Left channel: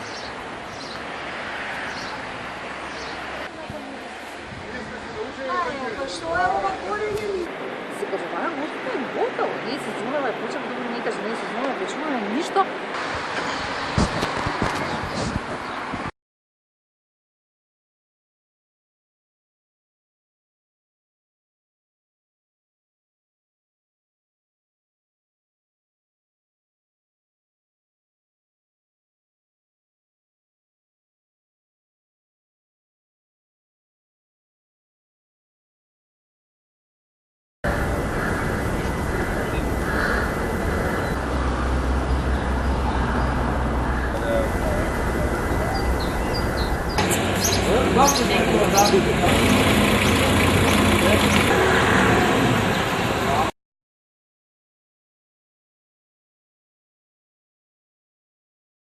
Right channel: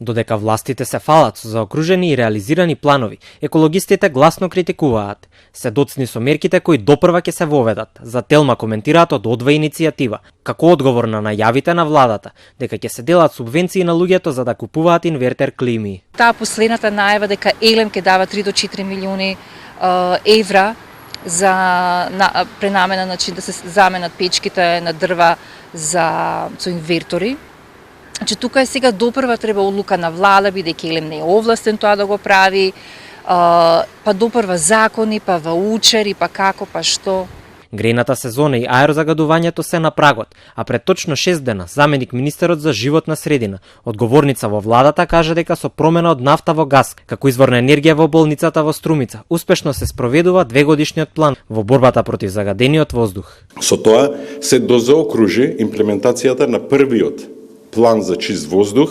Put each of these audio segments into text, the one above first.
Додека властите се фалат со заокружени и реализирани планови, екологистите гласно критикуваат. Се доцни со мерките кои допрва ќе се воведат. За Телма коментираат од Одва иницијатива, како одговор на најавите на владата, дека ќе се делат субвенции на луѓето за да купуваат инвертер клими. Таа последната најава дека Елем ќе дава 3 до 4 милиони евра за пренамена, значи да се заменат печките на дрва со инвертори. Значи тука е сега допрва треба одлука на влада, бидејќи Елем не е овластен тоа да го прави, па допрва закони, па ваучери, па како, па што. Грејната сезона и аерозагадувањето се на прагот, а пред точно 6 дена заменик министерот за животна средина, одговорница во владата, кажа дека со промена од нафта во газ, како извор на енергија во болницата во Струмица, успешно се спроведува 2-годишниот план во борбата против загадениот воздух. Со тоа се дозаокружи имплементацијата на првиот план за чист воздух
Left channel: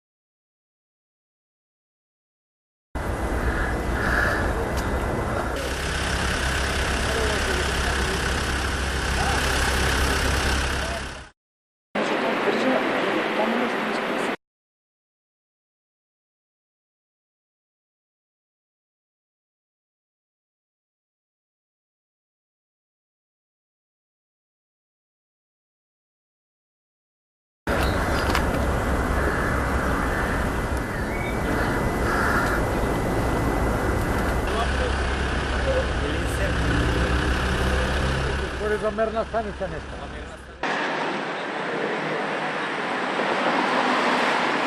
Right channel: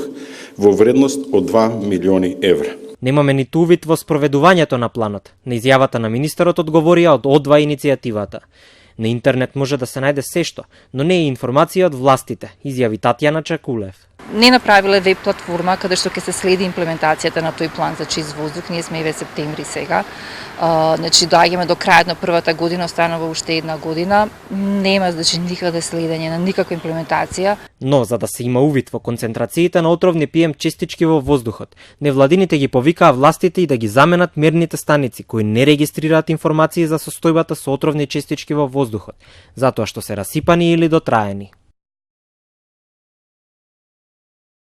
во вредност од 2 милиони евра. Немаме ниту увид во спроведувањето на планот. На изјавата на министерот одговорија од Одва иницијативата. На интернет може да се најде сешто, но не и информација од властите, изјави Татјана Чакула. Не направиле веб платформа каде што ќе се следи имплементацијата на тој план за чист воздух. Ние сме и ве септември сега. Значи доаѓаме до крајот на првата година, останува уште една година. Нема значи никаде следење на никаква имплементација. Но за да се има увид во концентрациите на отровни PM честички во воздухот, невладините ги повикаа властите и да ги заменат мерните станици кои не регистрираат информации за состојбата со отровни честички во воздухот, затоа што се расипани или дотраени.